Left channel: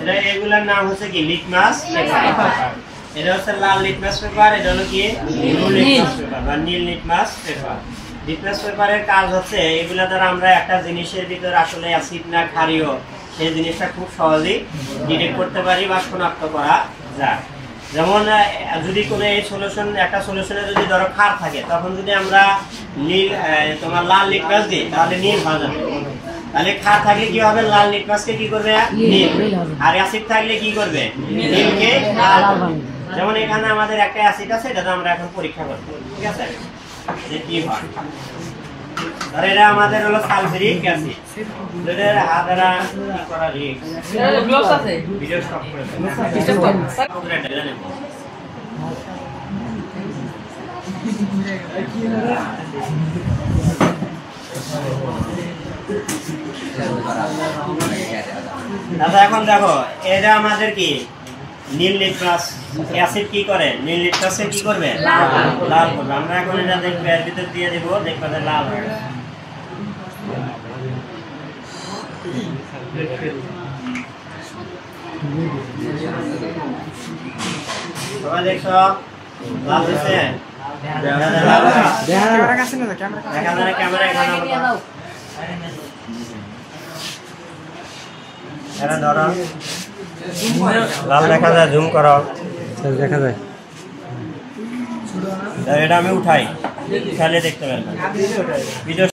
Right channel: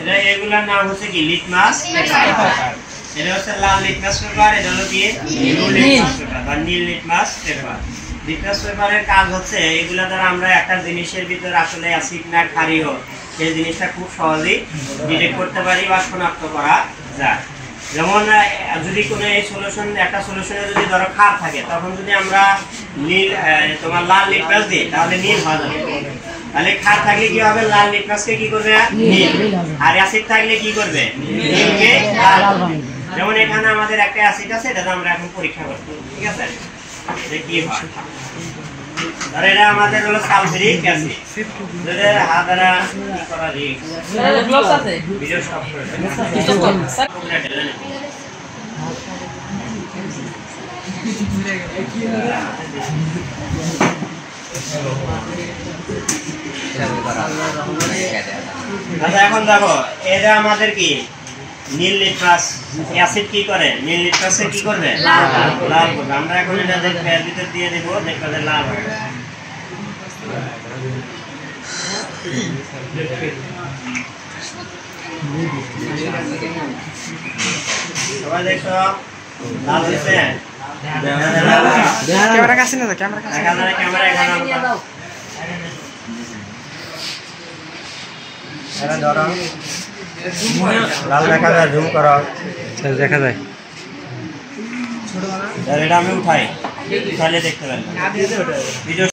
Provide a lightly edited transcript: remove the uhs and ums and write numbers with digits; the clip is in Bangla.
এটা এগুলোর নাম হচ্ছে কি লিটমাস পেপার। এটা হচ্ছে লাল লিটমাস পেপার, এটা হলো কি নীল লিটমাস পেপার বা নীল লিটমাস পেপার। লিটমাস পেপারের কাজ হচ্ছে এগুলা দ্বারা আমরা একটা জিনিসের ভিতরে আসলে অ্যাসিড না ক্ষারীয় সেই জিনিসটা খুব সহজেই ডিটেক্ট করতে পারি বা শনাক্ত করা যায়। যেমন যদি কোনো এই সলিউশন একটা সলিউশনে যদি ধরো ক্ষার থাকে, তখন যদি আমরা নীল তোমার লাল লিটমাস দিই তাহলে নীল হয়ে যাবে। তাহলে ক্ষার থাকলে কি হবে, লাল লিটমাসকে কি করবে নীল, আর অ্যাসিড থাকলে কি করবে নীলকে লাল করবে। যেমন এখানে আমাদের একটা অ্যাসিড আছে, এটা আমরা এখন পরীক্ষা করব, ঠিক আছে? এটা কি হয়, ধর এটা আমাদের হলো সালফিউরিক অ্যাসিড। এটা হাদারা কি করা রিস্ক, গ্লোভস আছে, ভিডিও স্টপ করে দেন। আচ্ছা এখন দেখো এটা আমাদের কি নীল লিটমাস অ্যাসিড কি করে, নীল লিটমাসে কি করবে লাল করবে। আমরা এখন এটা দেখবে এর ভিতর দিয়ে দেব, দেখবে যে লাল হয়ে গেছে। সবাই দেখো লাল হয়েছে, ক্যামেরা কাছে না, ক্যামেরা এখানে এটা ধরো লাল দেখা যায়, জুম করো, দেখা যায়। এটা আমি উঠাই, উঠালে দেখতে পারবেন ভিডিও।